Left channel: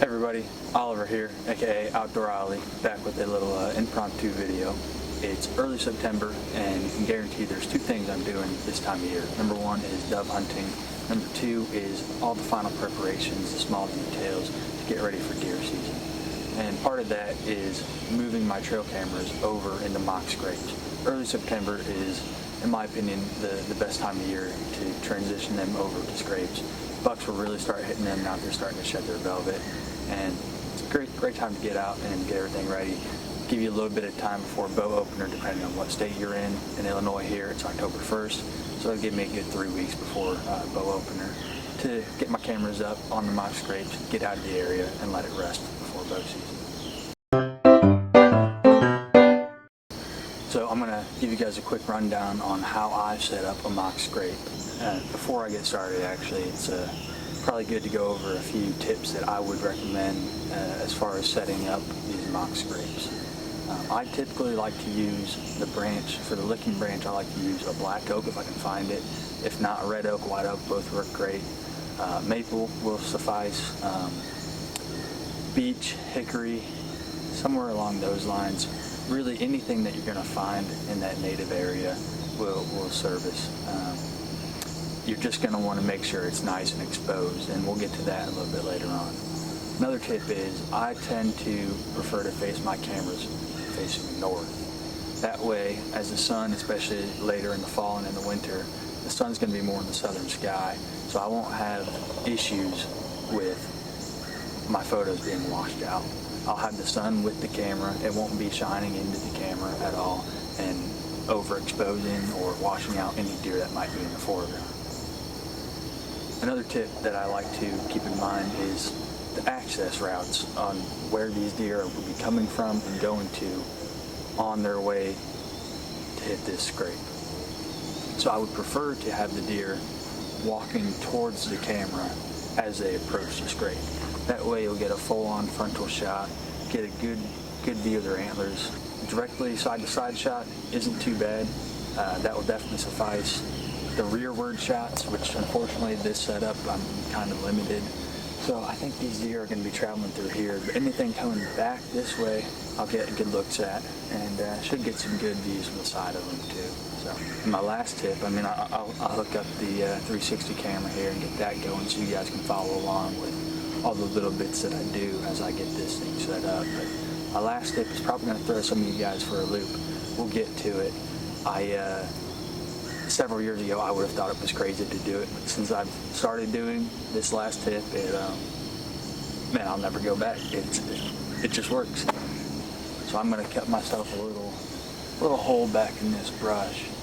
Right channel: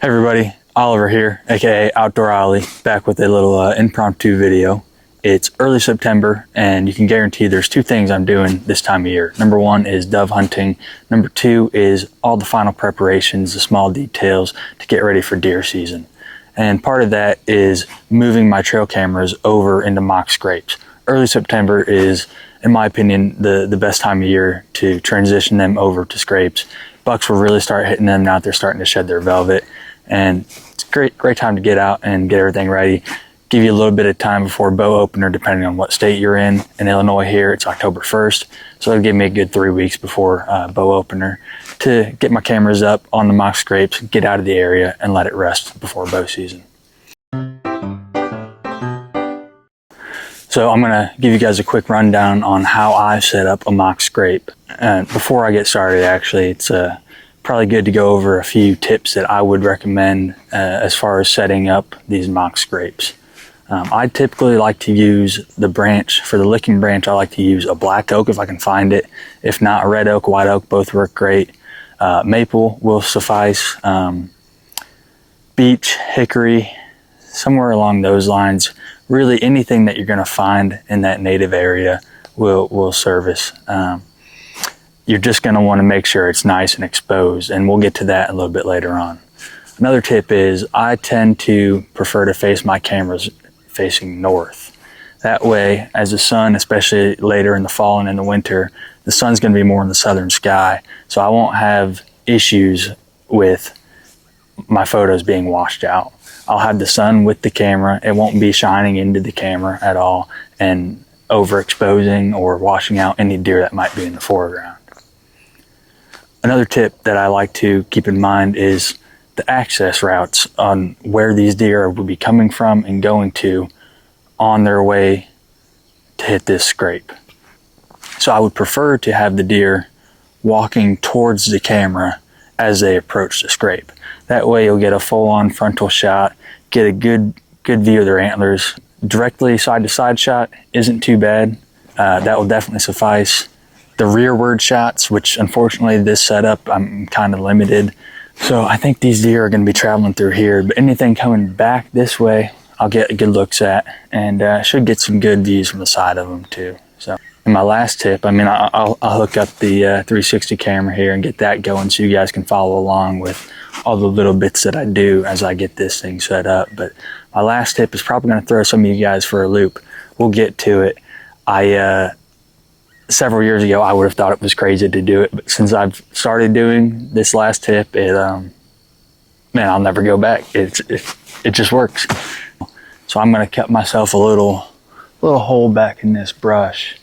Hey everybody, Oliver here, aka Outdoor Ollie, back with a little impromptu video. It's early September and you can guarantee there's two things I'm doing this time of year. Number one is dove hunting. Number two is all the final preparations, the small details to get ready for deer season. And part of that is moving my trail cameras over into mock scrapes. Early September is, in my opinion, the best time of year to transition them over to scrapes. Bucks will really start hitting them now. They're starting to shed their velvet. And it's a great time to get out and get everything ready. Give you a little bit of time before bow opener, depending on what state you're in. In Illinois here, it's October 1st. So it'll give me a good 3 weeks before bow opener to get my cameras up on the mock scrapes, get out of the area and let it rest before bow season. So I'm gonna give you guys a quick rundown on how I set up a mock scrape. Before I get started, actually, it's probably good to go over a few tips that I would recommend as far as setting up these mock scrapes. I typically like to use the branch. For the licking branch, I like to use a black oak if I can find it. If not, a red oak, white oak, both work great. Maple will suffice. Beech, hickory, somewhere along those lines. Really anything that you're gonna find in that native area will service. You're just gonna wanna make sure it's nice and exposed, and we'll get to that a little bit later on. Another tip is I tend to prefer to face my cameras facing north. That way, as the sun, especially later in the fall and in the winter, the sun's gonna be more in the southern sky, so I won't have issues with my photos being washed out. I'll have the sun with the camera. It won't be shining into the camera at all and overexposing or washing out any deer that might be in the foreground. Another tip that I like to keep in mind is the access routes on where these deer will be coming from and going to on their way to hit this scrape. So I would prefer to have the deer walking towards the camera as they approach the scrape. That way you'll get a full-on frontal shot, get a good view of their antlers. Directly side-to-side shot isn't too bad. That will definitely suffice. The rearward shots, which unfortunately this setup, I'm kind of limited. So I think these deer are gonna be traveling through here, but anything coming back this way, I'll get good looks at and should get some good views from the side of them too. So, and my last tip, I'll hook up the 360 camera here and get that going so you guys can follow along with all the little bits that I do as I get this thing set up. But my last tip is probably gonna throw some of you guys for a loop. We'll get to it. Several years ago, I would have thought it was crazy to do it, but since I've started doing this last tip, man, I'll never go back. It just works. So I'm gonna cut myself a little hole back in this brush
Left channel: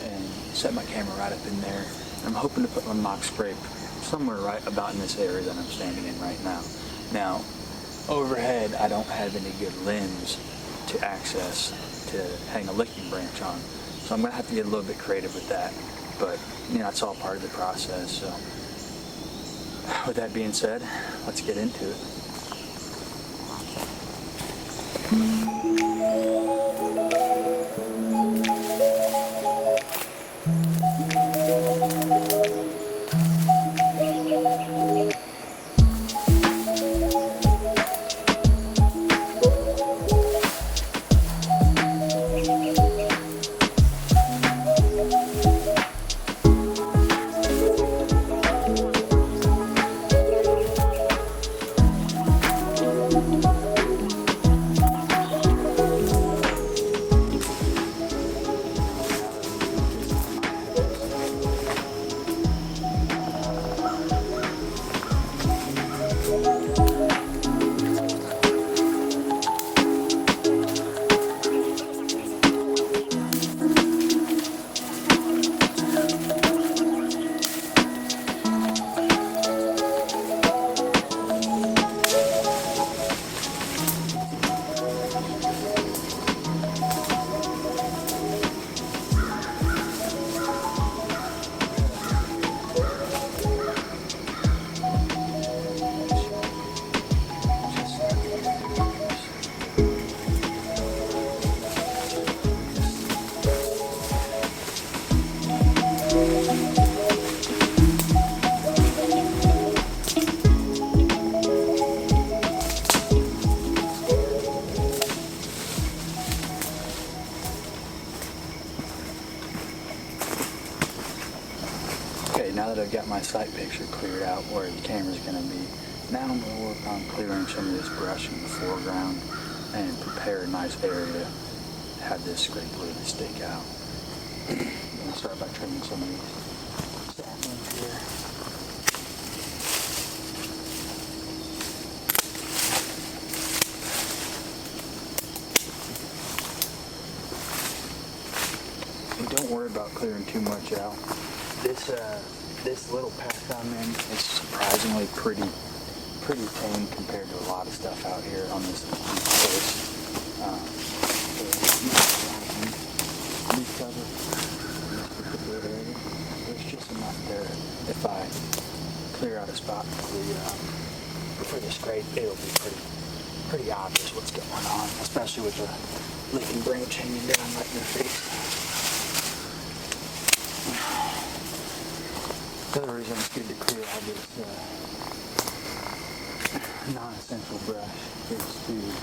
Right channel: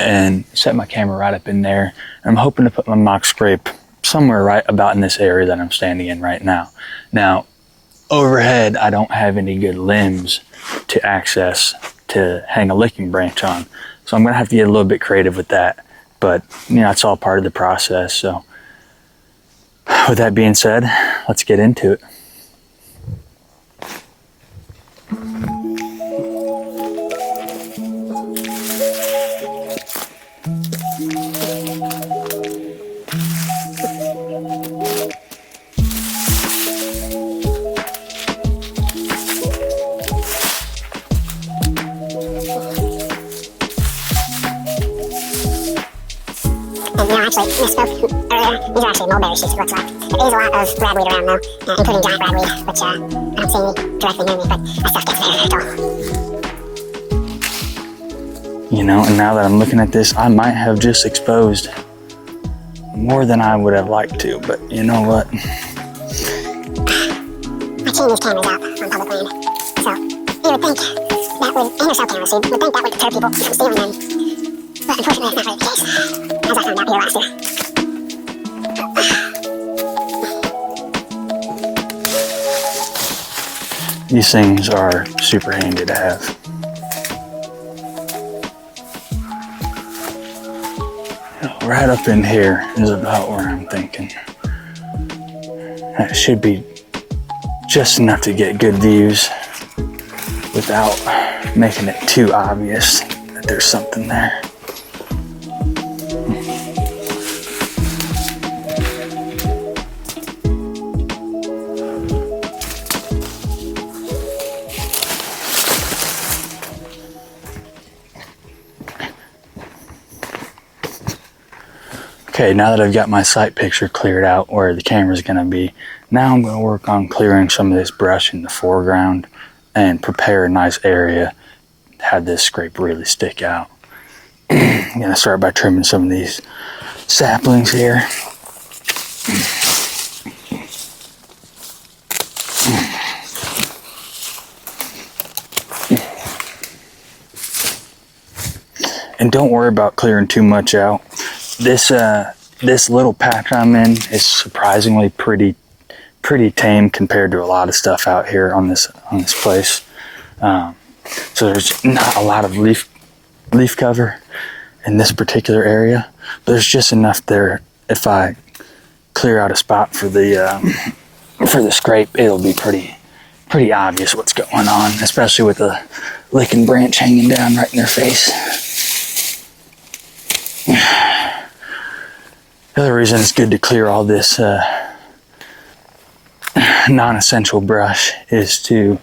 and set my camera right up in there. I'm hoping to put my mock scrape somewhere right about in this area that I'm standing in right now. Now, overhead, I don't have any good limbs to access to hang a licking branch on. So I'm gonna have to get a little bit creative with that, but it's all part of the process. So with that being said, let's get into it. These are actually mulberry shoots, it looks like. There is a lot of ragweed around though, including giant ragweed, which I don't see any directly near me, but that stuff gets very, very tall. And now that I'm looking at this, I might have just exposed more than I would have liked to, but you know what? I chain these cameras out on public land, so you would think that would, and your cell cameras, so you would think that would deter people from stealing them, but unfortunately that's not really the case, as I found out here last year. These things are super handy to have. Right up in here is about where I'm thinking. That should be just enough to get good views without making it too obvious that there's something there. Okay, now that I've got my sight picture cleared out where the camera's gonna be, now I'm gonna work on clearing some of this brush in the foreground and prepare a nice area to have this scrape really stick out. I'm gonna start by trimming some of these saplings here. And don't worry about clearing too much out. This little patch I'm in is surprisingly pretty tame compared to a lot of stuff out here on this place. So there's not a lot of leaf cover in this particular area, but there's just enough there. If I clear out a spot for the scrape, it'll be pretty obvious what's going on, especially with the licking branch hanging down right in their face. The other reason it's good to clear all this non-essential brush is to,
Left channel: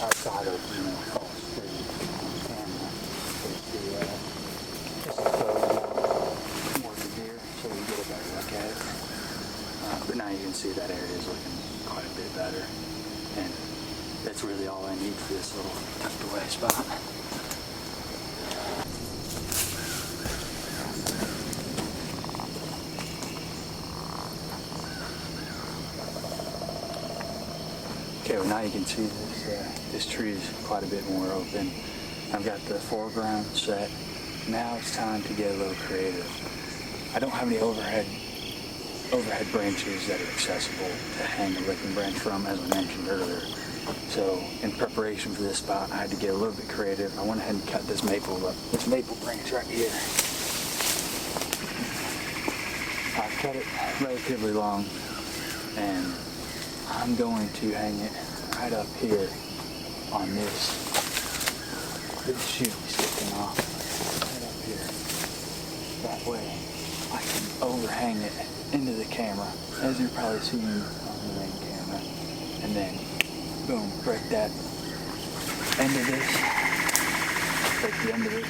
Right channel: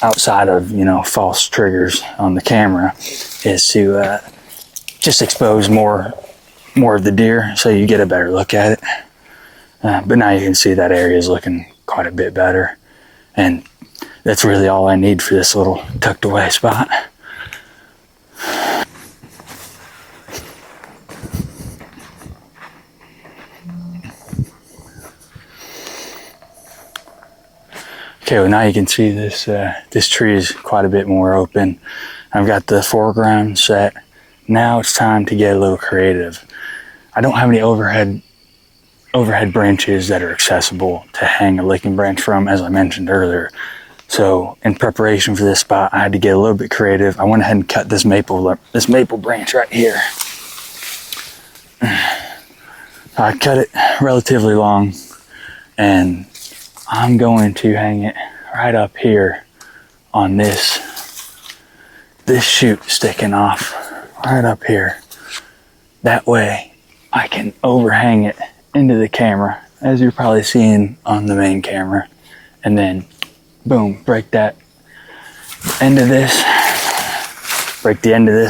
outside of false triggers on the camera, is to just expose more of the deer so you get a better look at it. But now you can see that area is looking quite a bit better, and that's really all I need for this little tucked away spot. Okay, well now you can see this tree is quite a bit more open. I've got the foreground set. Now it's time to get a little creative. I don't have any overhead branches that are accessible to hang a licking branch from, as I mentioned earlier. So in preparation for this spot, I had to get a little bit creative. I went ahead and cut this maple branch right here. I cut it relatively long, and I'm going to hang it right up here on this shoot sticking off right up here. That way I can overhang it into the camera, as you're probably seeing on the main camera, and then boom, break the end of this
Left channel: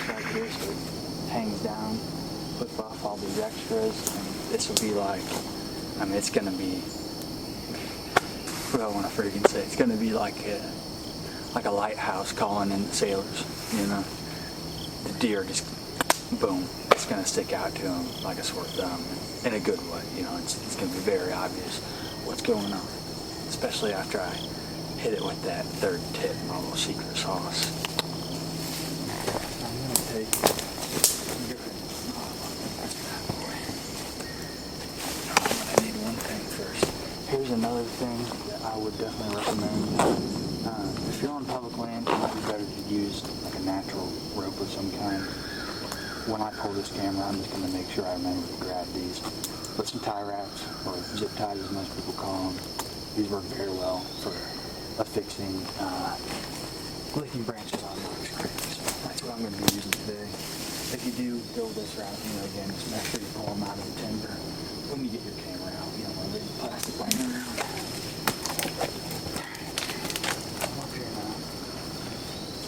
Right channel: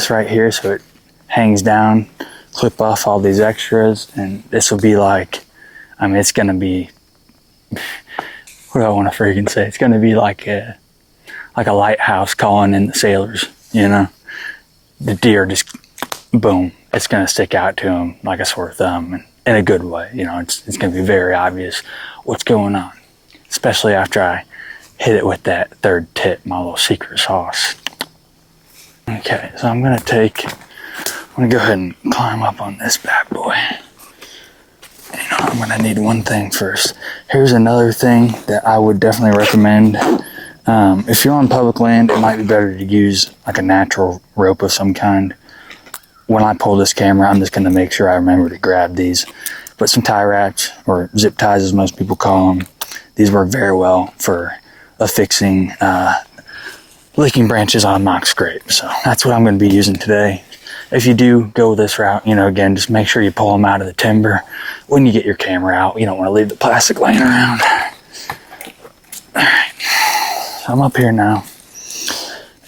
right here so it hangs down, clip off all these extras, and this will be like, it's gonna be, what do I want to freaking say? It's going to be like a lighthouse calling in the sailors, The deer just, boom, it's going to stick out to them like a sore thumb, and in a good way. It's going to be very obvious what's going on, especially after I hit it with that third tip, my little secret sauce. Okay, so I'm going to go ahead and climb up on this bad boy. I'm gonna need one thing first. Here's another thing that I would definitely recommend. If you're on public land, it might be better to use like a natural rope of some kind. When I pull this camera, I'm just gonna make sure I remember to grab these. But some tie wraps, or zip ties as most people call them, these work very well for affixing licking branches on a mock scrape. So that's what I'm gonna be using today. If you do go this route, again, just make sure you pull them out of the timber when you get your camera out. You don't want to leave the plastic laying around. All right, so I'm up here now.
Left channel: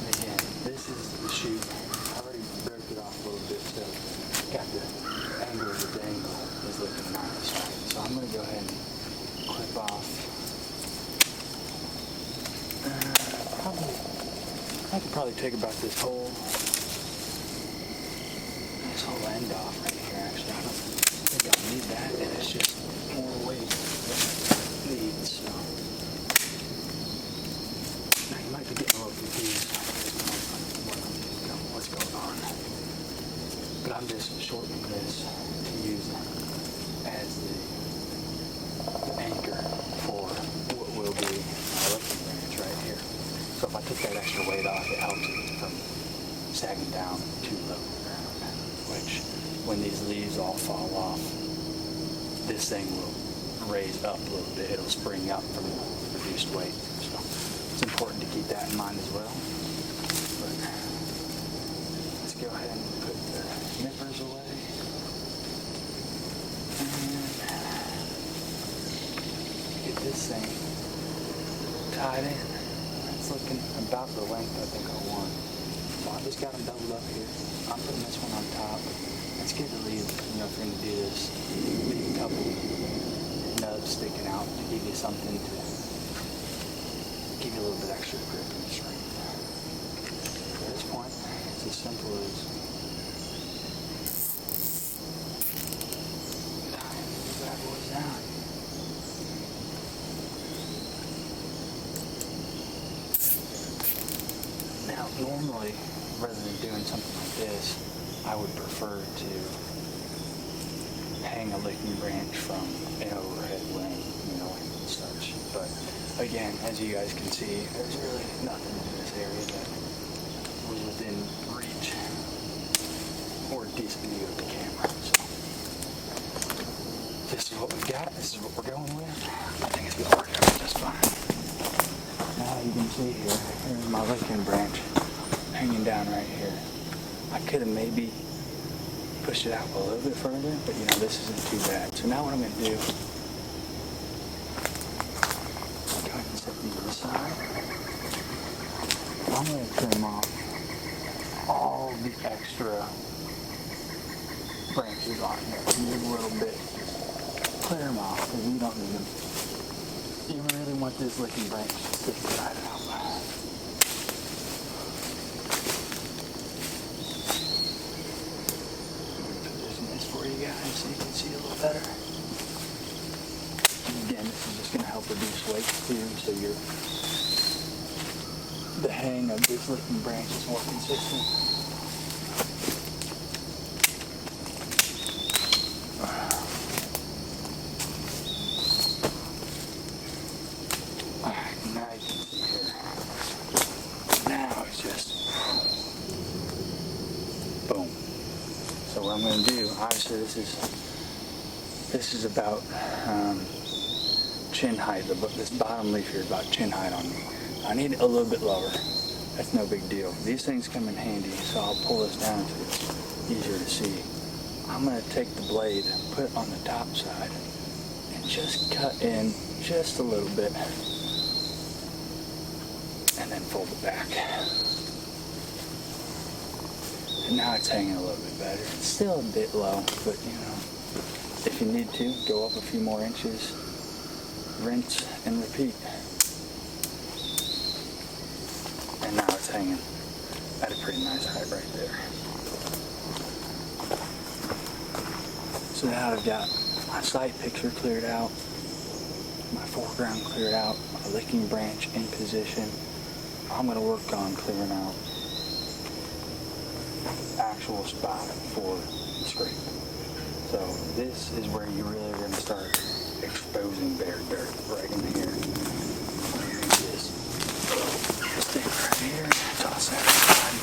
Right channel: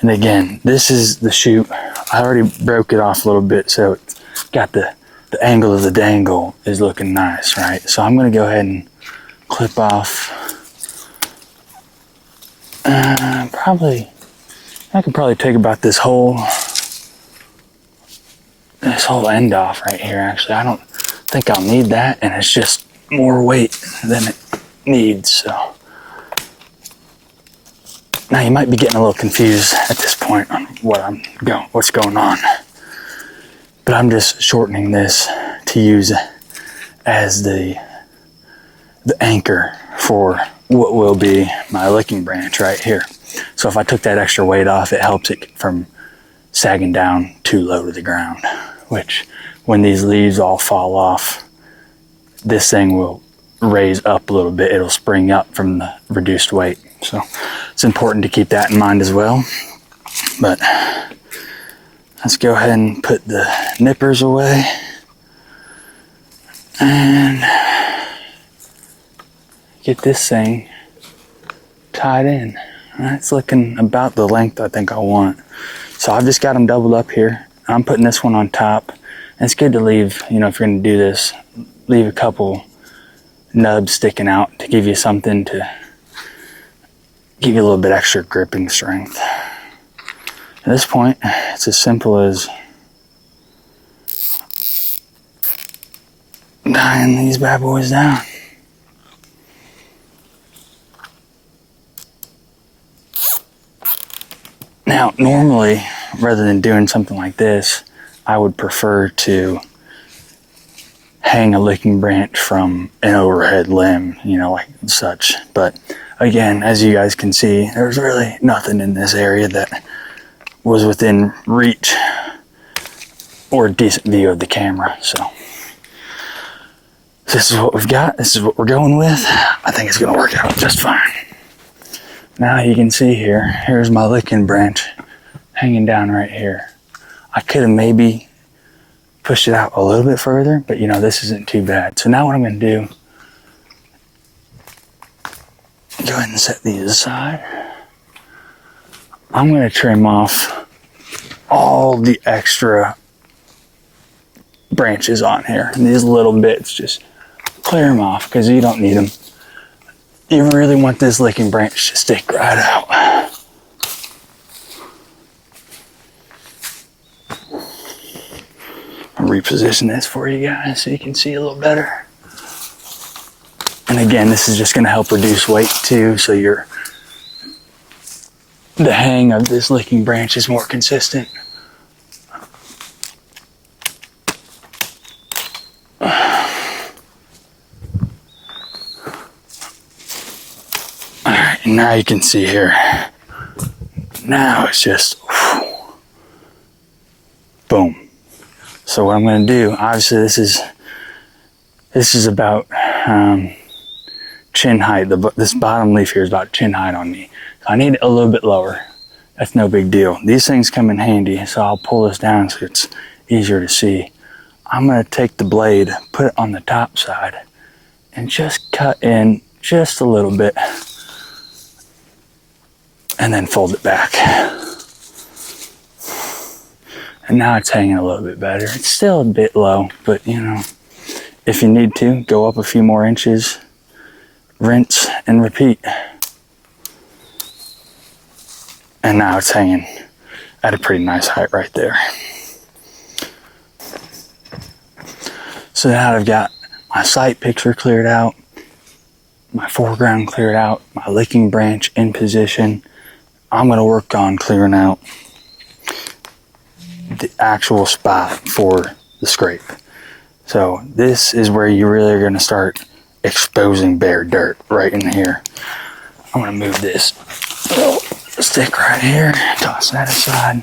And again, this is the chute. I already broke it off a little bit, so it's got the angle of the dangle is looking nice, right? So I'm gonna go ahead and clip off, I could probably take about this whole end off right here. Actually, I don't think I'll need that, and it's just more weight than it needs. So now you might be getting a little confused at this point on what's going on, but I'm just shortening this to use as the anchor for what will be my licking branch right here. So if I took that extra weight off, it helps it from sagging down too low to the ground, which when these leaves all fall off, this thing will raise up a little bit. It'll spring up from the reduced weight. So it's important to keep that in mind as well. But let's go ahead and put the nippers away and get this thing tied in. That's looking about the length I think I want. So I've just got them doubled up here. I'm putting this one on top. And it's good to leave, if you're gonna do this, leave a couple nubs sticking out to give you something to give you a little bit extra gripping strength. At this point, it's as simple as tying these bad boys down. Now, normally, rather than doing something like this, I would prefer to hang a licking branch from an overhead limb, you know, like such. But again, as you guys can see, there's really nothing in this area that was within reach or a decent view of the camera. So this is what we've got. This is what we're going with. I think it's gonna work out just fine. Now you can see here's my licking branch hanging down right here. I could have maybe pushed it out a little bit further, but you know, this isn't too bad. So now what I'm gonna do, go ahead and set these aside. I'm gonna trim off all the extra branches on here. And these little bits, just clear them off because you don't need them. You really want this licking branch to stick right out. I'll reposition this for you guys so you can see a little better. And again, this is just going to help reduce weight too, so the hang of this licking branch is more consistent. Alright, now you can see here. Now it's just boom. So what I'm going to do, obviously this is about chin height. This bottom leaf here is about chin height on me. So I need it a little bit lower. That's no big deal. These things come in handy, so I'll pull this down so it's easier to see. I'm going to take the blade, put it on the top side, and just cut in just a little bit, and then fold it back. And now it's hanging a little bit better. It's still a bit low, but you know, if you need to, go up a few more inches, rinse and repeat. And now it's hanging at a pretty nice height right there. So now I've got my sight picture cleared out, my foreground cleared out, my licking branch in position. I'm gonna work on clearing out the actual spot for the scrape. So this is where you really are gonna start exposing bare dirt, right in here. I'm gonna move this little stick right here, toss that aside,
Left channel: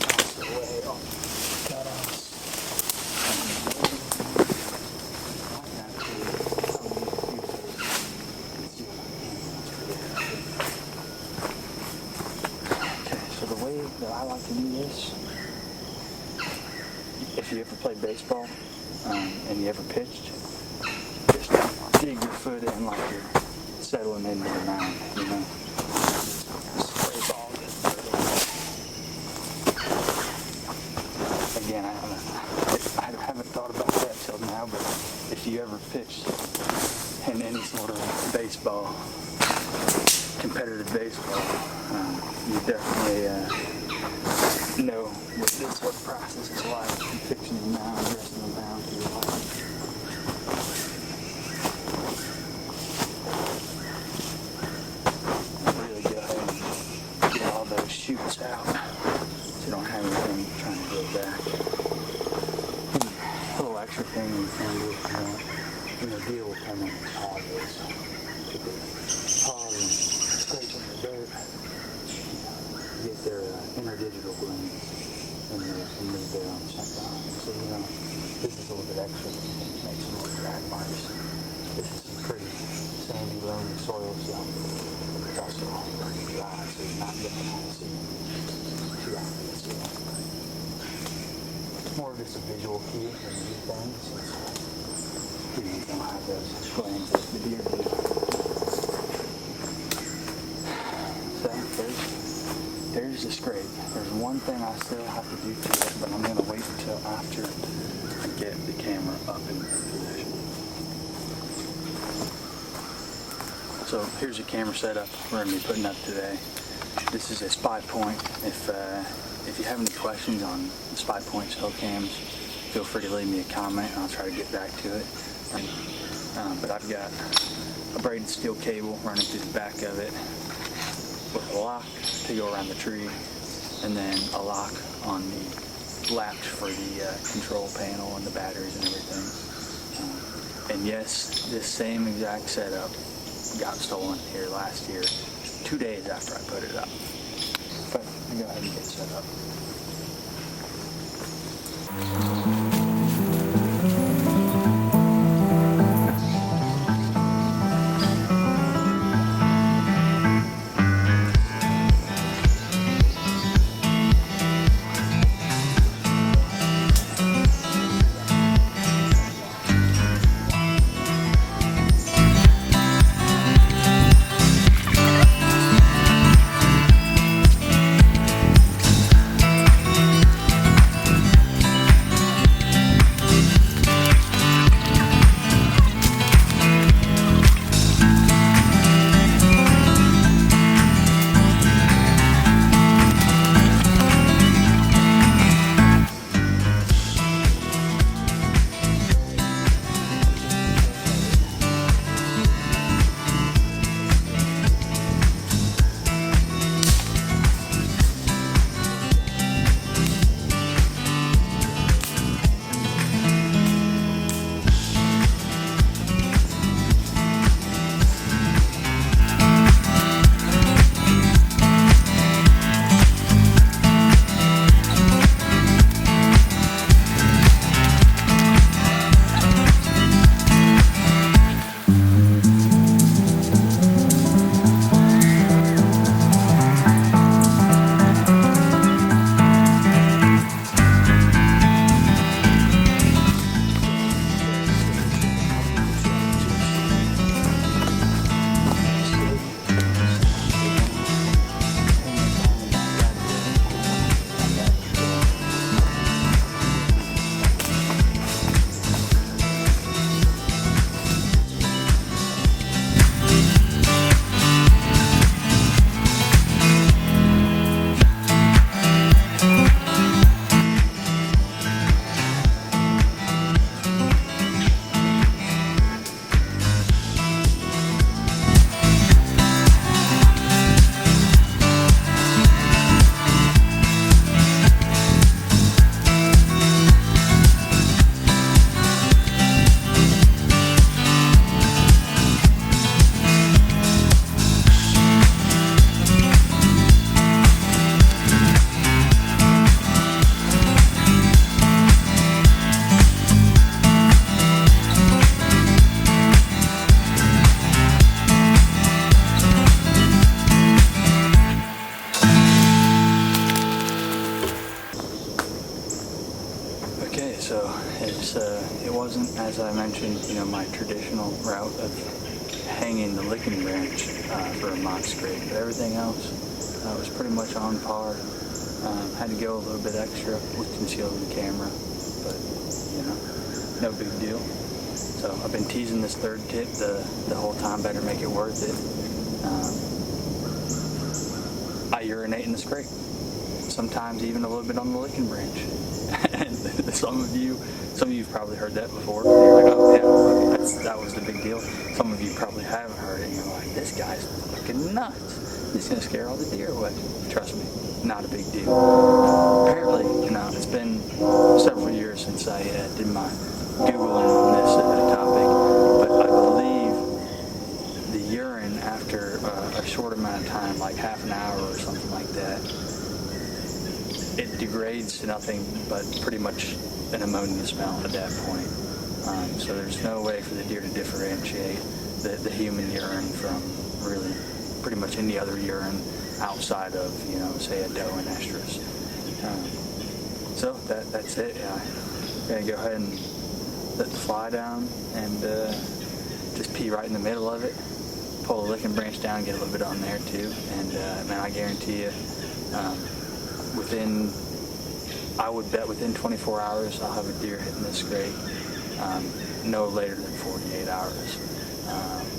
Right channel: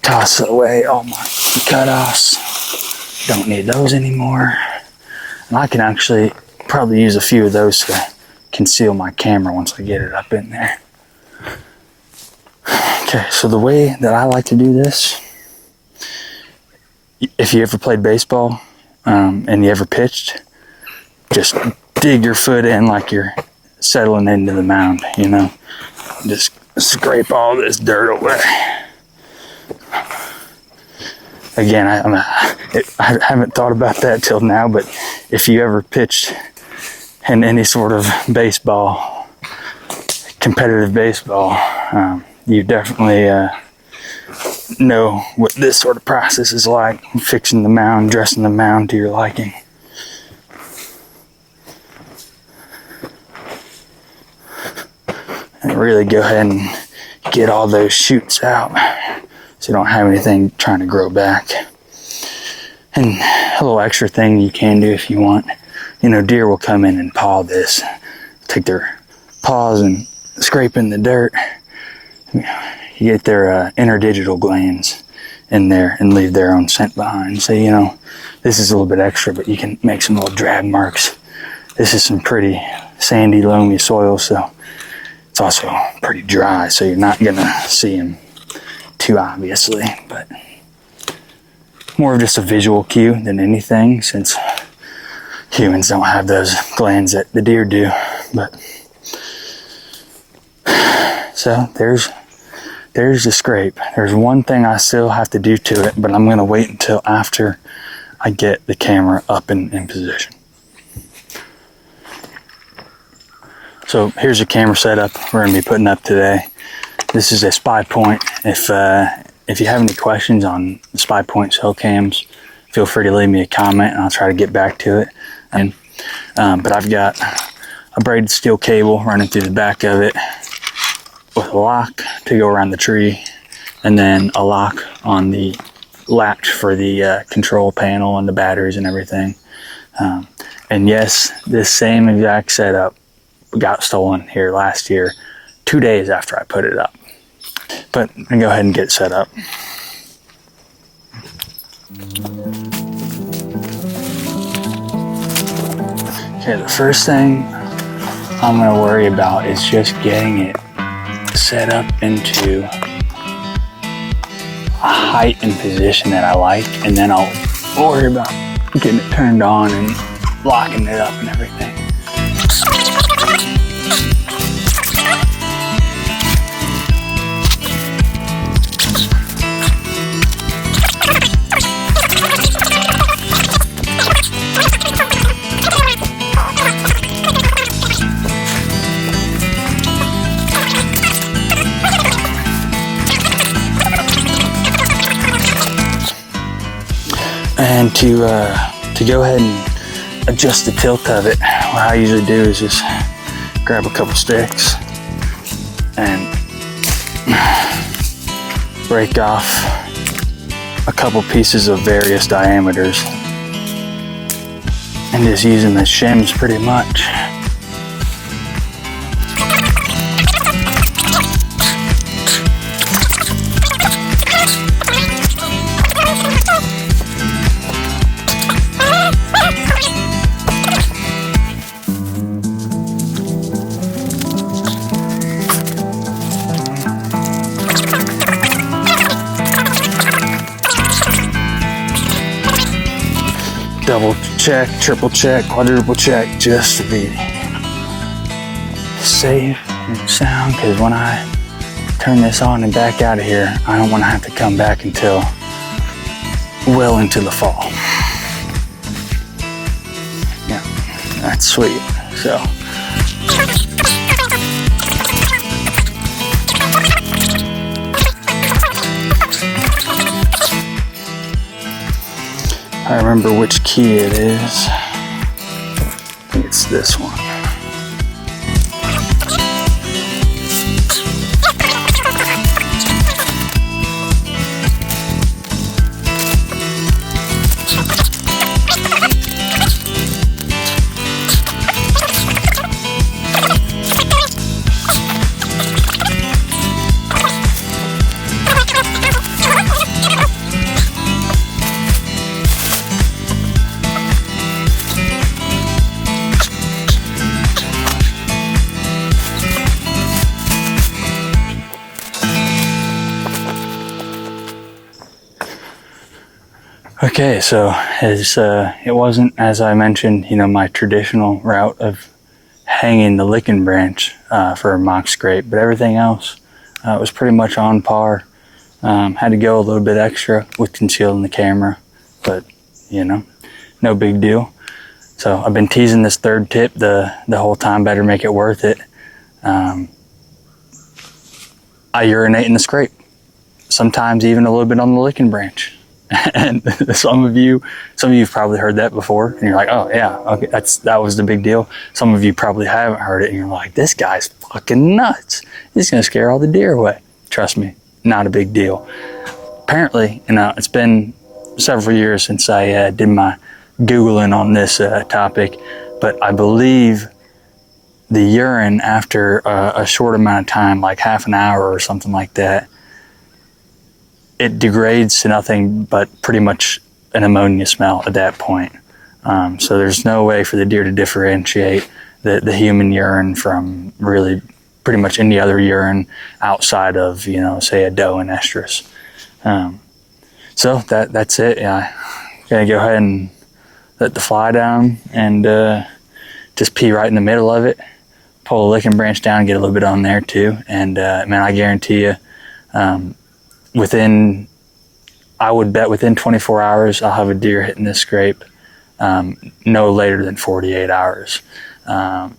toss away all my cutoffs. Don't need those anymore. And I can actually probably use a few of those to conceal my camera once I get it up in there. Okay, so the way that I like to do this, if you ever played baseball and you ever pitched, just dig your foot in like you're settling into the mound, you know? Just scrape all this dirt away. Again, I haven't thought about that till now, but if you ever pitched in any sort of baseball, competitive baseball, you definitely know what this sort of process is like, fixing the mound, dressing the mound to your liking. And really go ahead and get all those shoots out so you don't have anything trying to grow back. And a little extra thing you can do if you want, you know, deer will come in and paw this, take their paws and scrape in the dirt. You get their interdigital glands in there and leave their own scent behind. So, you know, this is a little bit extra, but you can make some little drag marks. This is some pretty sandy, loamy soil, so it's also pretty dry, so you're not gonna see them too obviously, but more of just a visual cue than anything, since humans don't have those glands that the deer do. But so there's the scrape. There's one thing I still have to do to it, but I'm gonna wait until after I get the camera up in position. So here's the camera setup we're going to be putting up today. This is a SpyPoint. If you have any questions on the SpyPoint cell cams, feel free to leave me a comment and I'll try to get back to it. But I've got a braided steel cable running through the back of it with a lock to go around the tree, and then a lock on the latch for the control panel and the batteries and everything. And yes, this same exact setup got stolen here last year, 2 days after I put it up. But I'm gonna go ahead and get it set up. Okay, the first thing I'm gonna worry about is just getting it set up into a height and position that I like, and then I'll worry about getting it turned on and locking it up and everything. And to go ahead and adjust the tilt of it, what I usually do is just grab a couple sticks and break off a couple pieces of various diameters and just use them as shims pretty much. Double check, triple check, quadruple check, just to be safe and sound, because when I turn this on and back out of here, I don't want to have to come back until well into the fall. Yeah, that's sweet. So. I remember which key it is. I think it's this one. Okay, so it wasn't, as I mentioned, my traditional route of hanging the licking branch for a mock scrape, but everything else was pretty much on par. Had to go a little bit extra with concealing the camera, but no big deal. So I've been teasing this third tip the whole time. Better make it worth it. I urinate in the scrape, sometimes even a little bit on the licking branch. And some of you've probably heard that before, and you're like, oh yeah, okay, that was the big deal. Some of you probably haven't heard it, and you're like, this guy's fucking nuts. He's gonna scare all the deer away. Trust me, not a big deal. Apparently, it's been several years since I did my Googling on this topic, but I believe the urine after a short amount of time, like half an hour or something like that, it degrades to nothing but pretty much an ammonia smell at that point. So there's no way for the deer to differentiate the human urine from really pretty much any other urine outside of, say a doe and estrus. So that's it. Yeah, I'm gonna go ahead and let the fly down and just pee right in the middle of it. Pull the licking branch down, get a little bit on there too. And man, I guarantee you, within I would bet within 24 hours I'll have a deer hitting this scrape, no later than 48 hours.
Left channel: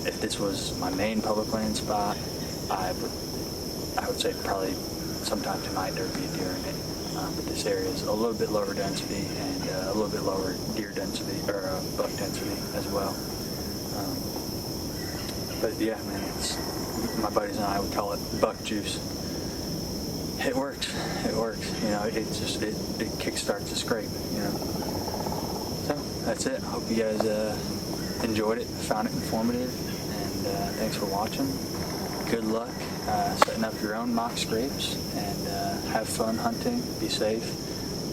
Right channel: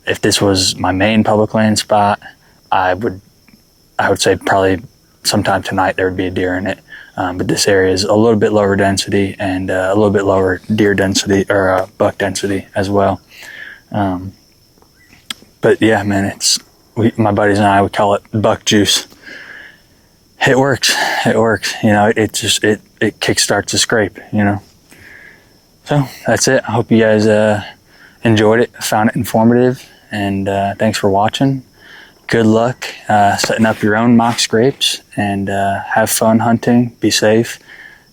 If this was my main public land spot, I would say probably sometime tonight there would be a deer in it. But this area is a little bit lower density and a little bit lower deer density or buck density as well. But yeah, man, my buddies and I would call it buck juice. It works. It works. You know, it kickstarts a scrape. You know. So that's it. I hope you guys enjoyed it, found it informative, and thanks for watching. Good luck setting up your own mock scrapes, and have fun hunting, be safe,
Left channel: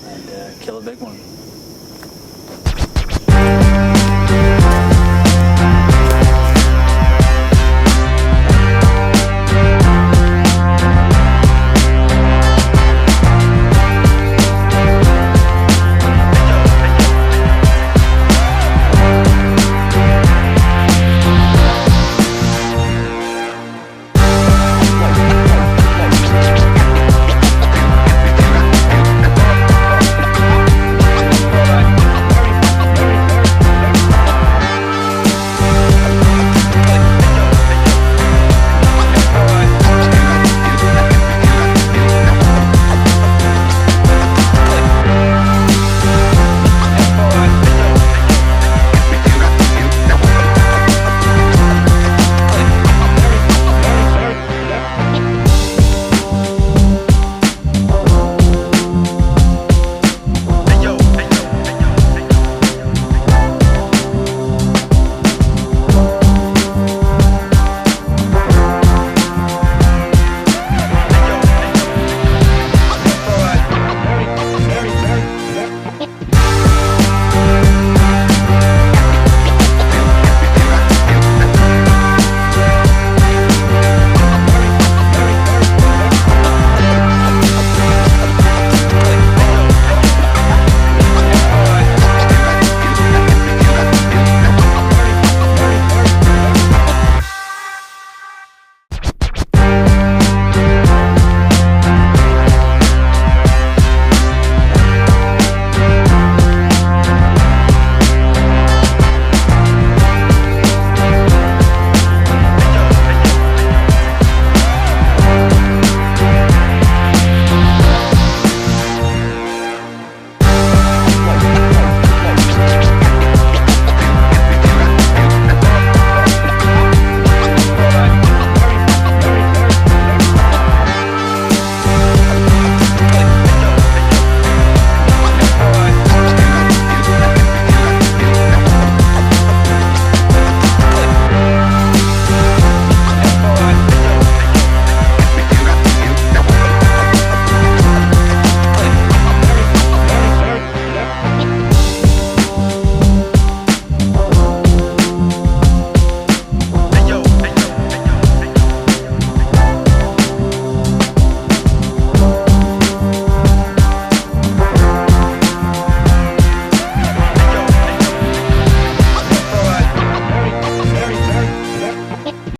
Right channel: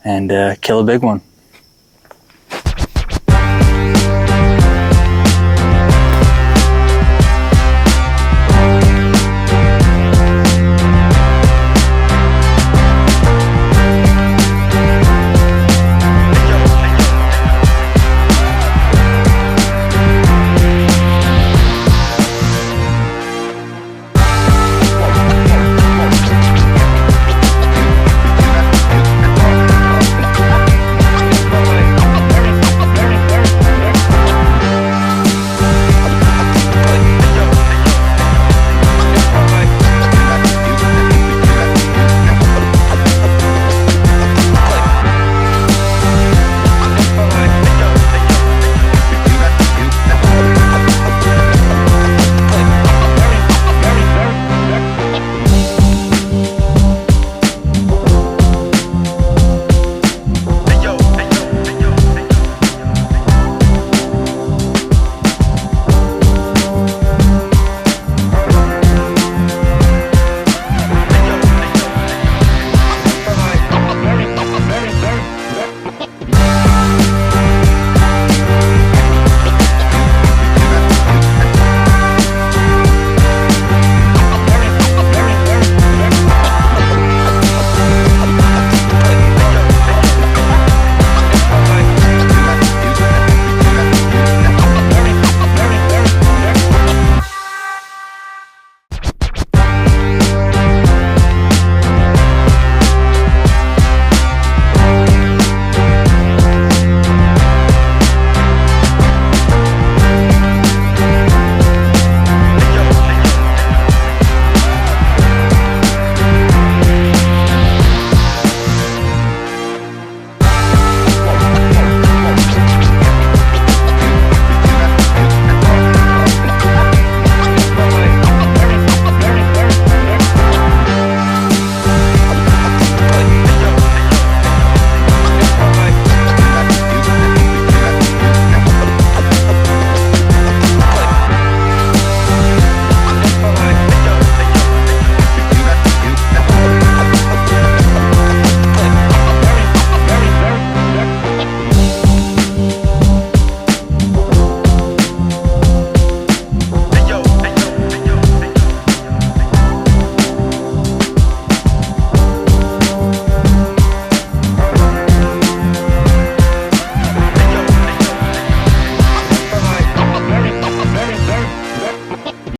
and kill a big one.